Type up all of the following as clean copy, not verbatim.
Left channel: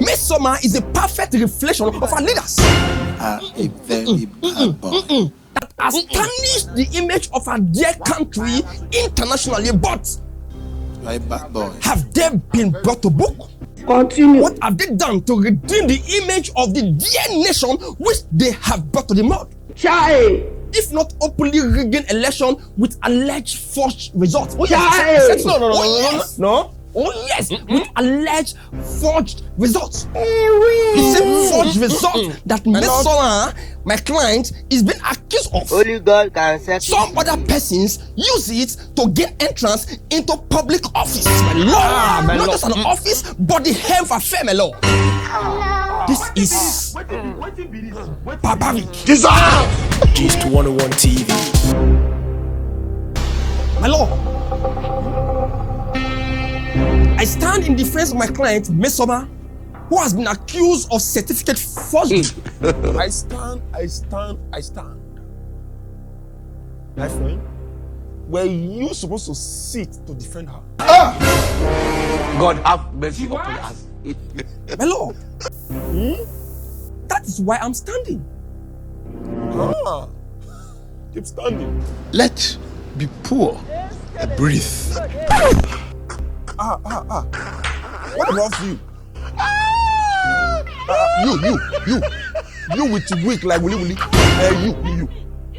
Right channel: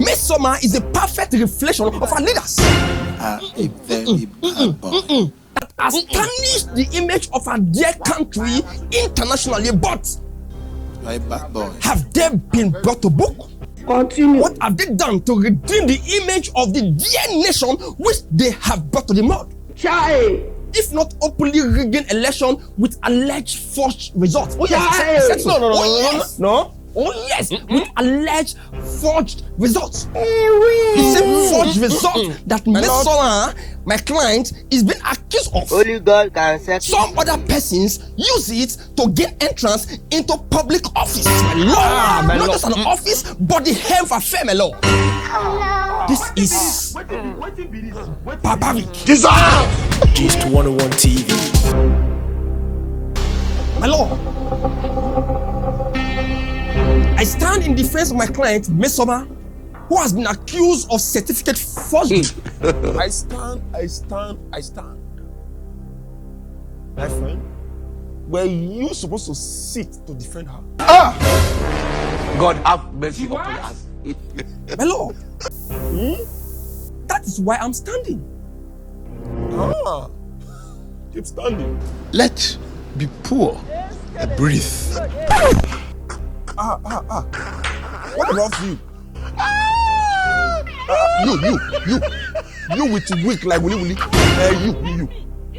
Mesoma is a perfect reflection of our leaders. A very bad boy. That has tarnished the image of our dear country internationally, but You are a bad boy. have they been brought to book? Continue. What have they done to redeem the image of the dear nation which they have brought to the mud? Child. If not openly rigging election with alleged forged results. Oh Child. yes. Oh yes. No. Oh yes, with alleged forged results. The same forged result that Mesoma, my client, is being accused of. Only God can settle. Some other persons use it to gain entrance into public office. Not just an office, but the health affair, my lord. This is barbaric. Gist 101 TV. My lord, I stand in defense of my client, Mesoma, who has been accused of certificate forgery. I stand. My friend, were you supposed to sit to defend her? God have mercy upon us. My lord, that is why I'm standing. Keep standing. Let be poor and breathe. What about you? You with weak like we. You.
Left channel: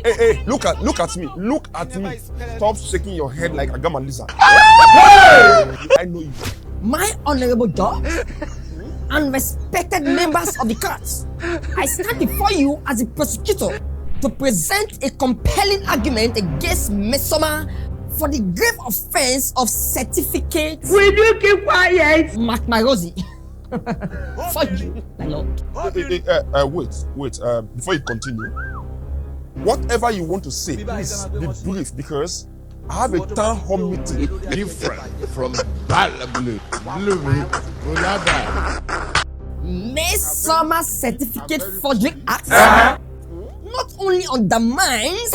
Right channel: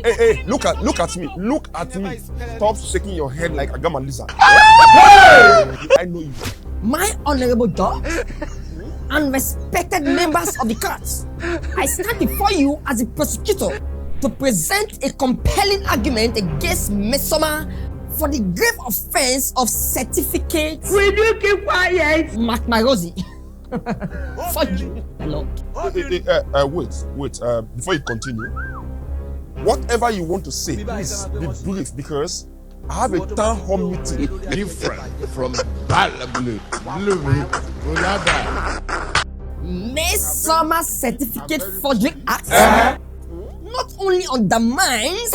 Hey, look at me. Look at me. Stop shaking your head like a gammon lizard. I know you. My honorable judge and respected members of the court, I stand before you as a prosecutor to present a compelling argument against Mesoma for the grave offense of certificate. Will you keep quiet? Mark my Rosie. Forgery. Wait. Before you continue, whatever you want to say, please be brief because I have a town hall meeting. Different from Balablu. Mesoma Certificate Forgery Act not only undermines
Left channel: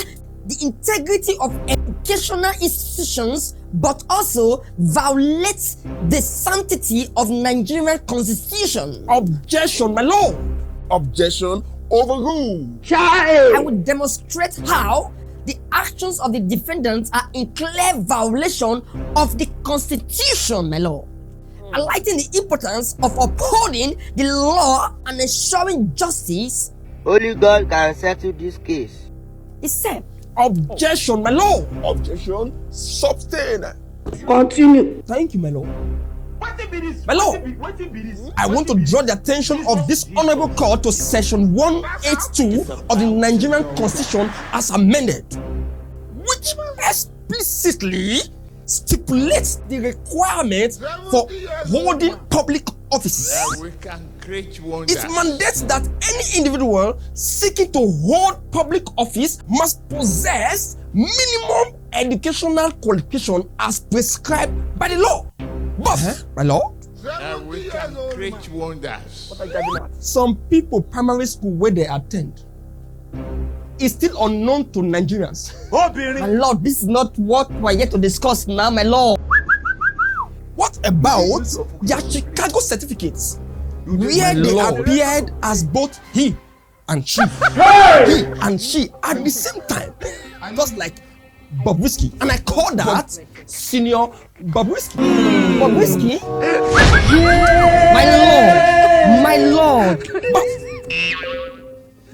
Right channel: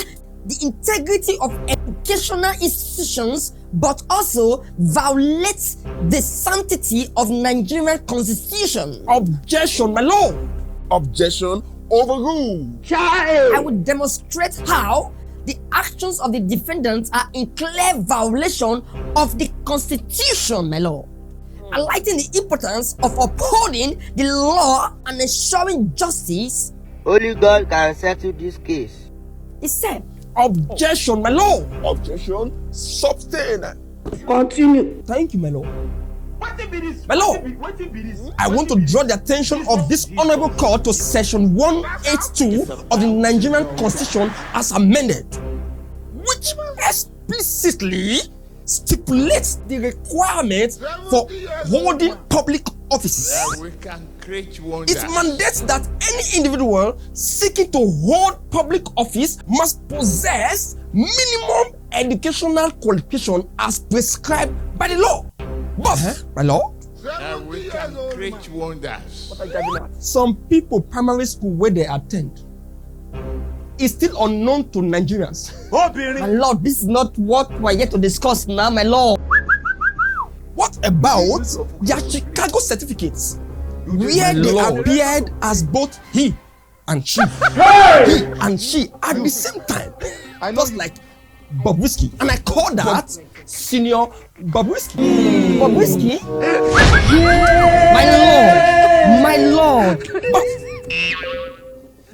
the integrity of educational institutions, but also violates the sanctity of Nigerian constitution. Objection, my lord. Objection overruled. Child. I will demonstrate how the actions of the defendants are in clear violation of the constitution, my lord. Highlighting the importance of upholding the law and ensuring justice. Only God can settle this case. He said, Objection, my lord. Objection sustained. Continue. Thank you, my lord. My lord, I want to draw the attention of this honorable court to section 182 of the Nigerian Constitution as amended, which explicitly stipulates the requirement for holding public offices. We can create wonders. It mandates that any individual seeking to hold public office must possess minimum educational qualification as prescribed by the law. But, my lord, We can create wonders. some people primary school where they attend is still unknown to Nigerians. my lord, this is not what we're here to discuss now, my lord. What about their Chicago certificates, where they appeared as both he and she, he and she at the same time, just like Bobrisky, and I call that senior Bobrisky. Bobrisky? My lord. But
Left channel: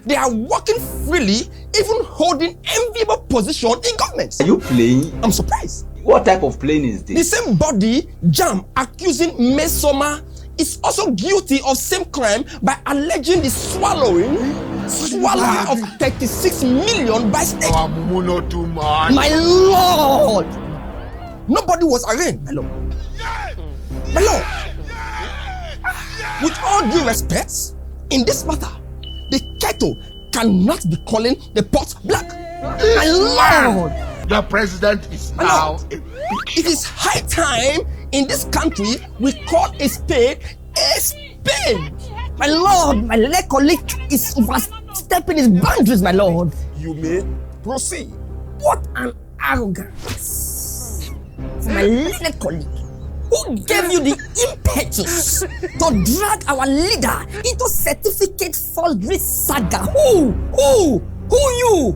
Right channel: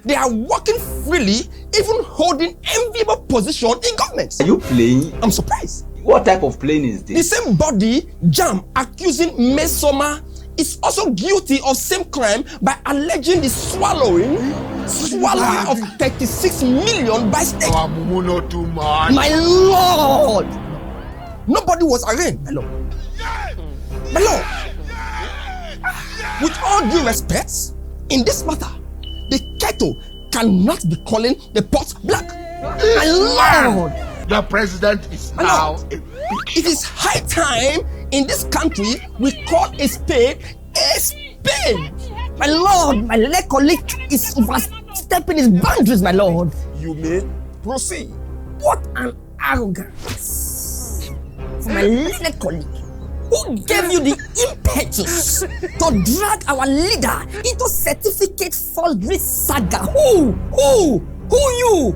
they are working freely, even holding enviable position in government. Are you playing? I'm surprised. What type of playing is The this? same body, Jam, accusing Mesoma, is also guilty of same crime by alleging the swallowing of 36 million by state. Too much. My lord. Nobody was arraigned, my lord. My lord, with all due respect, in this matter, the kettle cannot be calling the pot black. My lord, The president is now a it is high time in this country we call a spade a spade. my lord, my late colleague is overstepping his boundaries, my lord. You may proceed. What an arrogance from my late colleague. Who gave you the impetus to drag our leader into certificate forgery saga? Who you?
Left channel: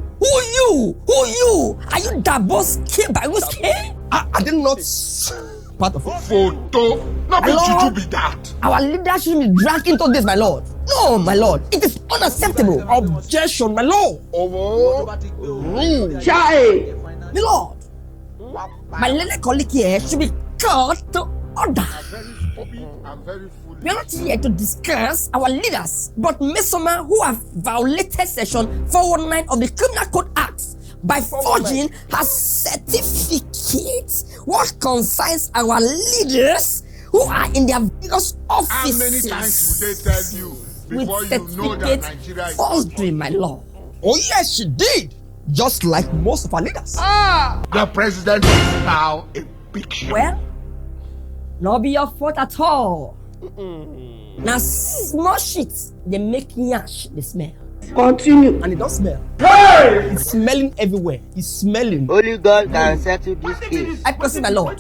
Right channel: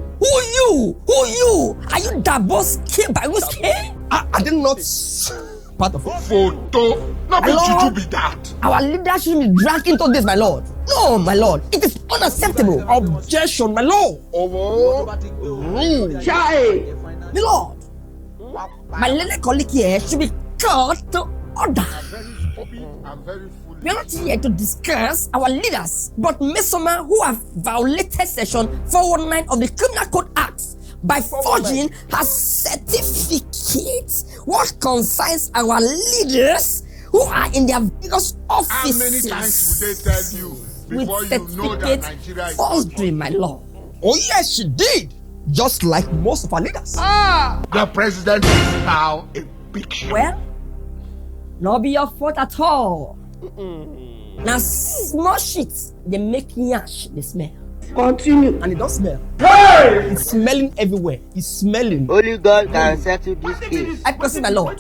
Are you Davos by mistake? I did not part of it. Photo. Not be juju be that. Our leader shouldn't be dragged into this, my lord. No, my lord. It is unacceptable. Objection, my lord. Chai. My lord. My little colleague here should be called to order. I'm very foolish. We are not here to discuss our leaders, but Mesoma who have violated Section 419 of the Criminal Code Act by forging her certificates, what concerns our leaders who are in their various offices. How many times would they tell you before with you know that Nigeria certificate is forgery, my lord? Oh yes, she did. Just like most of our leaders. The president is now a big shot. Well, not be your fault at all. Now small shit, they make yash, they smell. Continue. And it don't smell. Hey! It's smelling everywhere. It's smelling. Only God can settle this case. I proceed, my lord.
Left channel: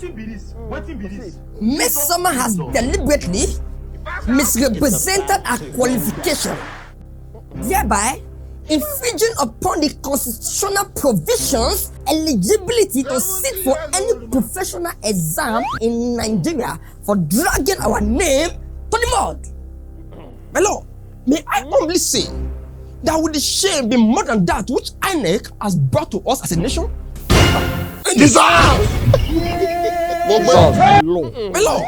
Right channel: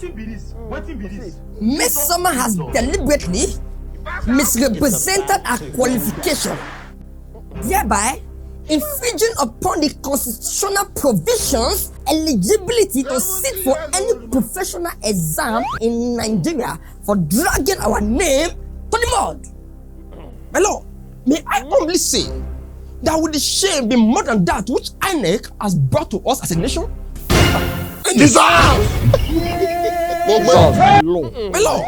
Mesoma has deliberately misrepresented our qualification, thereby infringing upon the constitutional provisions eligibility to sit for any professional exam in Nigeria for dragging our name to the mud. My lord, may I humbly say that would the shame be more than that which INEC has brought to us as a nation? Dissolve! My lord,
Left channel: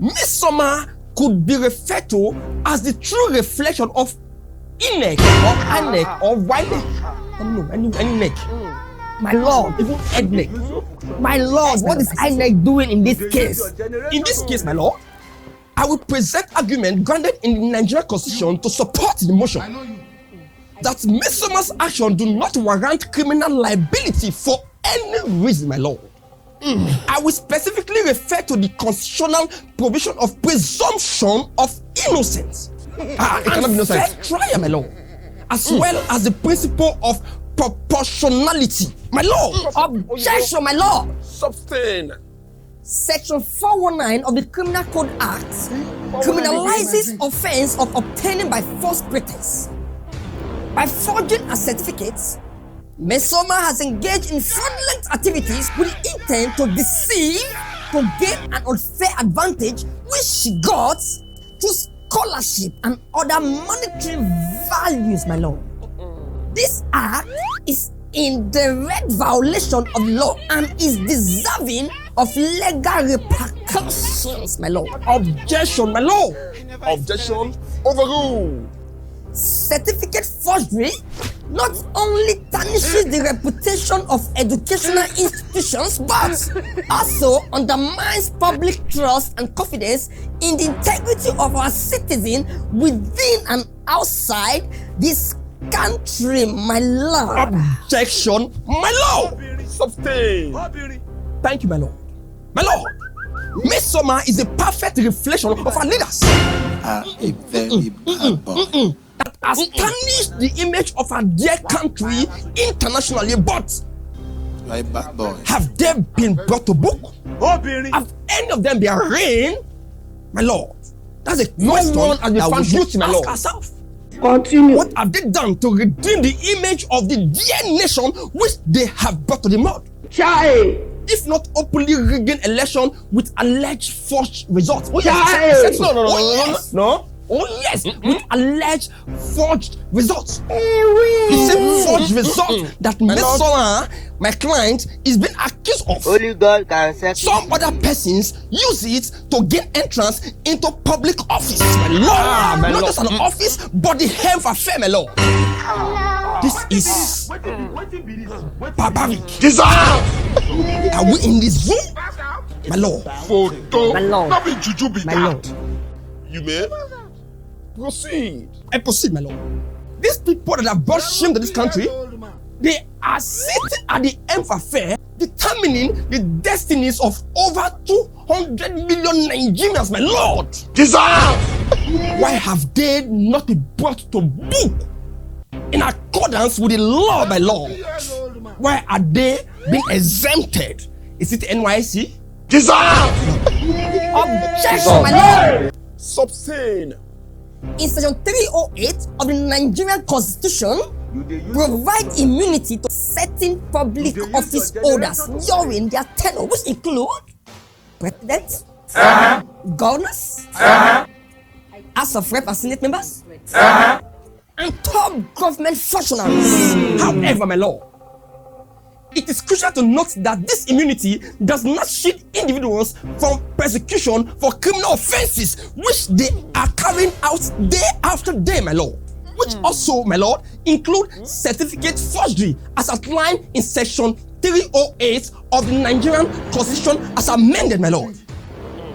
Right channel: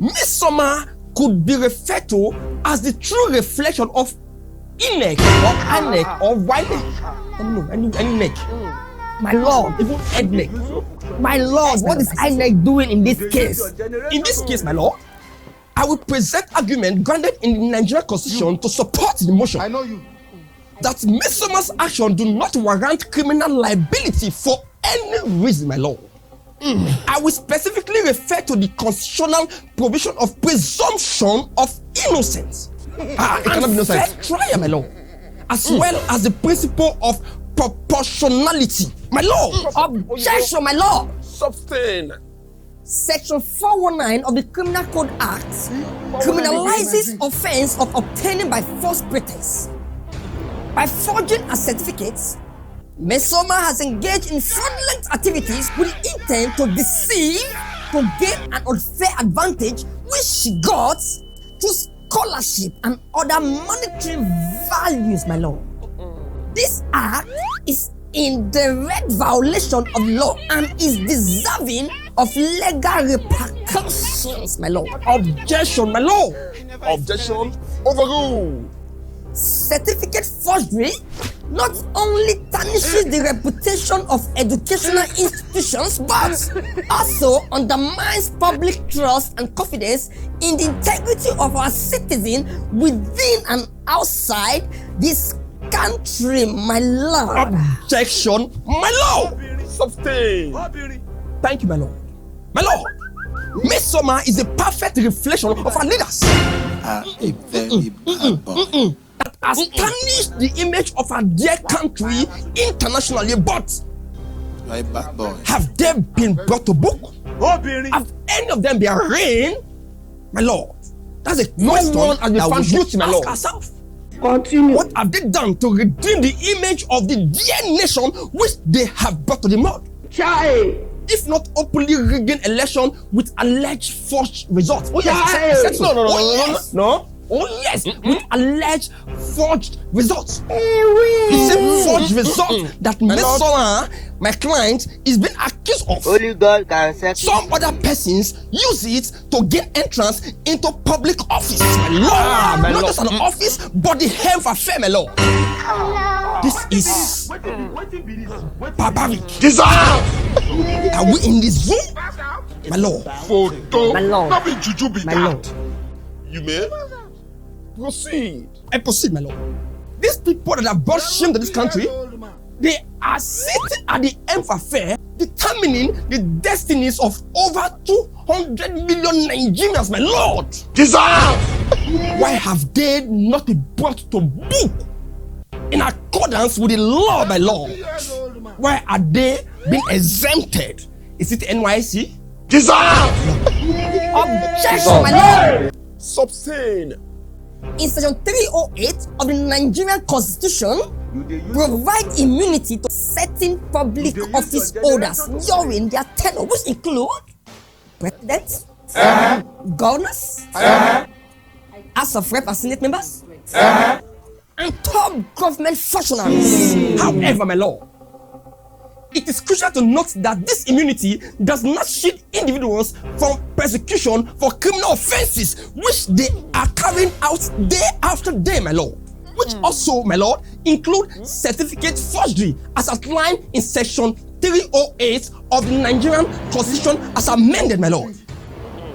Mesoma could be referred to as the true reflection of INEC or INEC or INEC. My lord, my lord, what is INEC doing in this case? In this case, my lord, I will present argument granted in the Nigerian Constitution to support the motion. I know you. That Mesoma's action do not warrant criminal liability for any reason, my lord. I will specifically refer to the constitutional provision of presumption of innocence. I cannot be innocent. Trial, my lord. As well as the principle of proportionality, my lord. Objection, my lord. Sustain. Section 419 of the Criminal Code Act criminalizes offense of obtaining by false pretext. By forging a certificates, Mesoma has engaged in fraudulent activities with intent to deceive, to gain an unfair advantage which she got through scholarship and other monetary values, my lord. This act is in direct violation of law and is deserving of legal repercussions, my lord. Objection, my lord. Objection overruled. Certificate forgery not only tarnishes the reputation of educational institutions but also undermines public trust and confidence in the integrity of our citizens within and outside this country, my lord. Objection, my lord. Sustain. Thank you, my lord. My lord, Mesoma is a perfect reflection of our leaders. A very bad boy. That has tarnished the image of our dear country internationally, but You are a bad boy. have they been brought to book? Have any of them been arraigned? My lord, that's a question that we found guilty, my lord. Ourselves. Continue. What have they done to redeem the image of the dear nation which they have brought to the mud? Chai. If not openly rigging election with alleged forged results. Oh Child. yes. No. Oh yes, with alleged forged results. The same forged result that Mesoma, my client, is being accused of. Only God can settle. Some other persons use it to gain entrance into public office. Not just an office, but the health affair, my lord. This is barbaric. Dissolve! Are we in this room? My lord. Photo. My lord. Not be juju be that. You may proceed. I proceed, my lord. These people that have brought shame to this country, they are sitting at the end affair, determining the destinies of over 200 million Nigerians, my lord. Dissolve! Why have they not been brought to book in accordance with the law, my lord? Why are they being exempted? Is it NYC? Dissolve! Objection, my lord. Substain. In section 308 of the Nigerian Constitution, provide immunity to certain public office holders during their tenure, which include presidents, governors, House of Rep and Senate members, and top government functionaries. However, my lord, it is crucial to note that this immunity does not shield individuals from persecution for criminal offences which they are carrying out day after day, my lord. Which also, my lord, include certificate forgery as outlined in section 308 of the Nigerian Constitution as amended, my lord.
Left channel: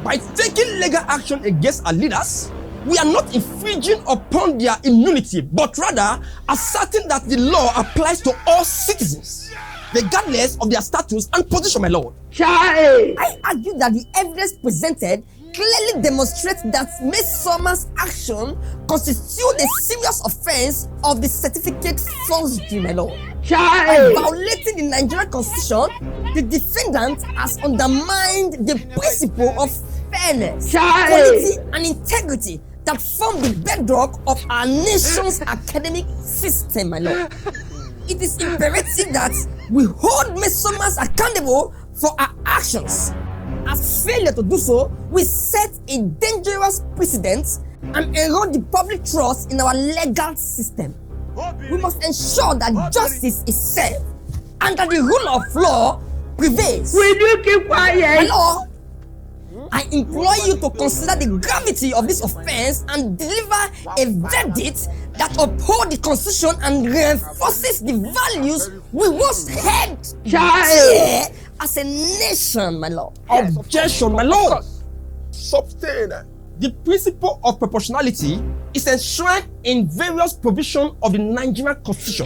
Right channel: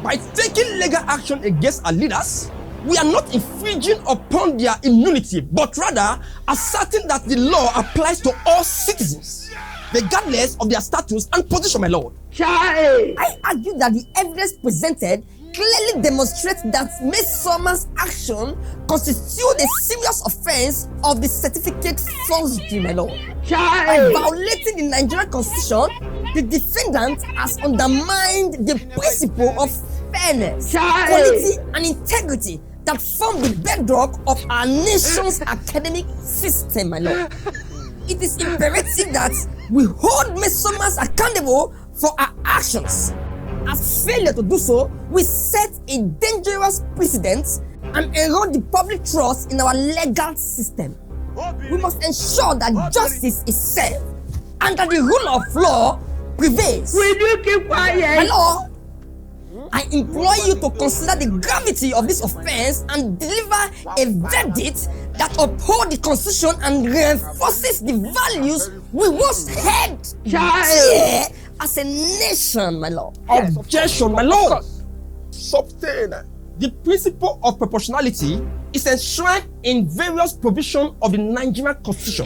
By taking legal action against our leaders, we are not infringing upon their immunity, but rather asserting that the law applies to all citizens, regardless of their status and position, my lord. I argue that the evidence presented clearly demonstrates that Mesoma's action constitutes a serious offense of the certificate forgery, my lord. By violating the Nigerian Constitution, the defendant has undermined the principle of fairness, quality, and integrity that form the bedrock of our nation's academic system, my lord. It is imperative that we hold Mesomas accountable for our actions. As failure to do so, we set a dangerous precedent and erode the public trust in our legal system. We must ensure that justice is served and that the rule of law prevails. Will you keep quiet? I implore you to consider the gravity of this offense and deliver a verdict that upholds the Constitution and reinforces the values we once held as a nation, my lord. Objection, my lord. Substain. The principle of proportionality is enshrined in various provisions of the Nigerian Constitution,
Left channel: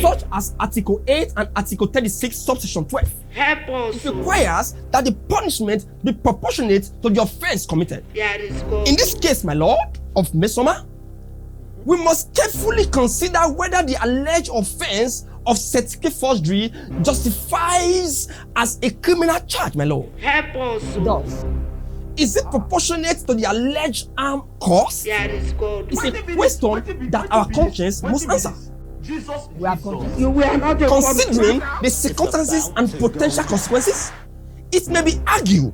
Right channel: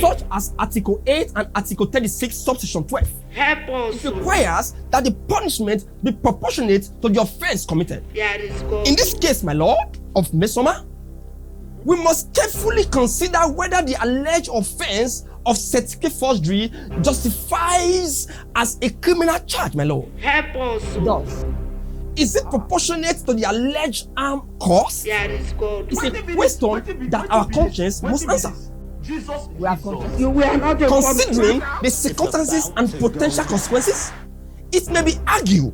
such as Article 8 and Article 36, subsection 12. It requires that the punishment be proportionate to the offense committed. In this case, my lord, of Mesoma, we must carefully consider whether the alleged offense of certificate forgery justifies as a criminal charge, my lord. Is it proportionate to the alleged harm caused? It's a question that our conscience must answer. You were not a Considering the circumstances and potential consequences, it may be argued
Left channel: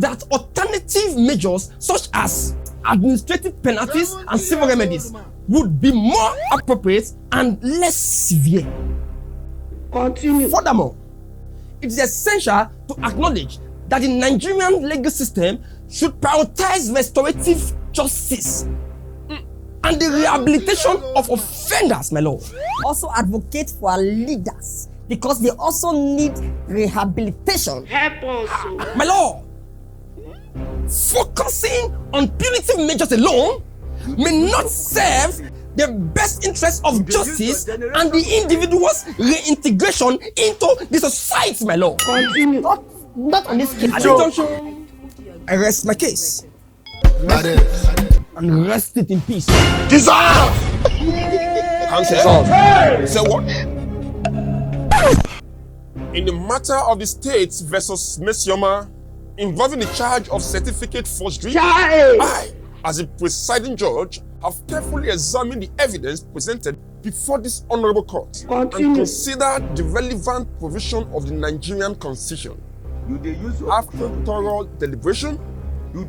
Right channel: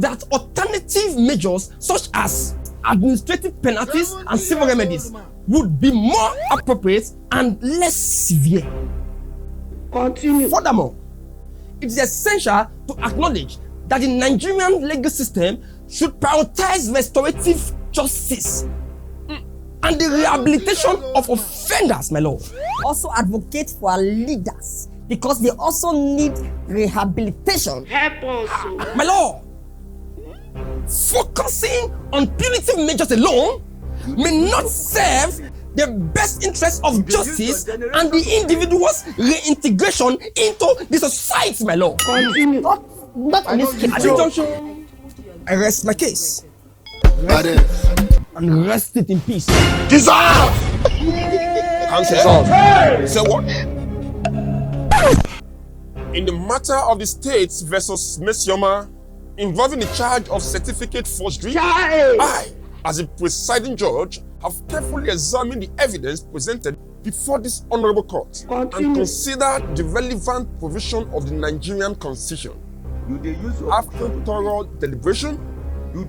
that alternative measures such as administrative penalties and civil remedies would be more appropriate and less severe. Continue. Furthermore, it is essential to acknowledge that the Nigerian legal system should prioritize restorative justice and the rehabilitation of offenders, my lord. Also advocate for our leaders because they also need rehabilitation. My lord, focusing on punitive measures alone may not serve the best interest of justice and the individual's reintegration into the society, my lord. Continue. At this junction, I rest my case and rest it in peace. Dissolve! Say what? In the matter of the states versus Mesoma involving the charge of certificate forgery, I, as a presiding judge, have carefully examined the evidence presented before this honorable court and considered the relevant provision of the Nigerian Constitution. After thorough deliberation,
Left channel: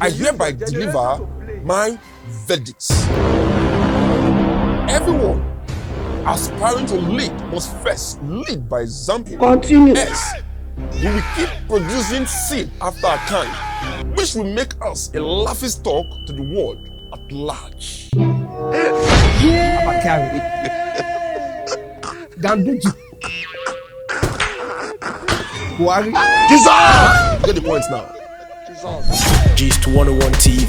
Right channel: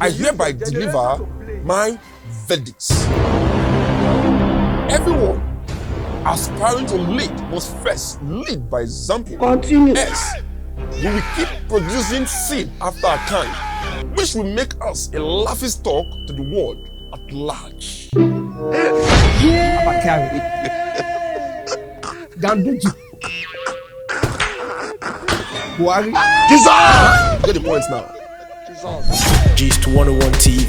I hereby deliver my verdict. Everyone aspiring to lead must first lead by example. Continue. Yes, we will keep producing sin after our kind, which will make us a laughing stock to the world at large. Dissolve! Get the points now. G's to 101 TV.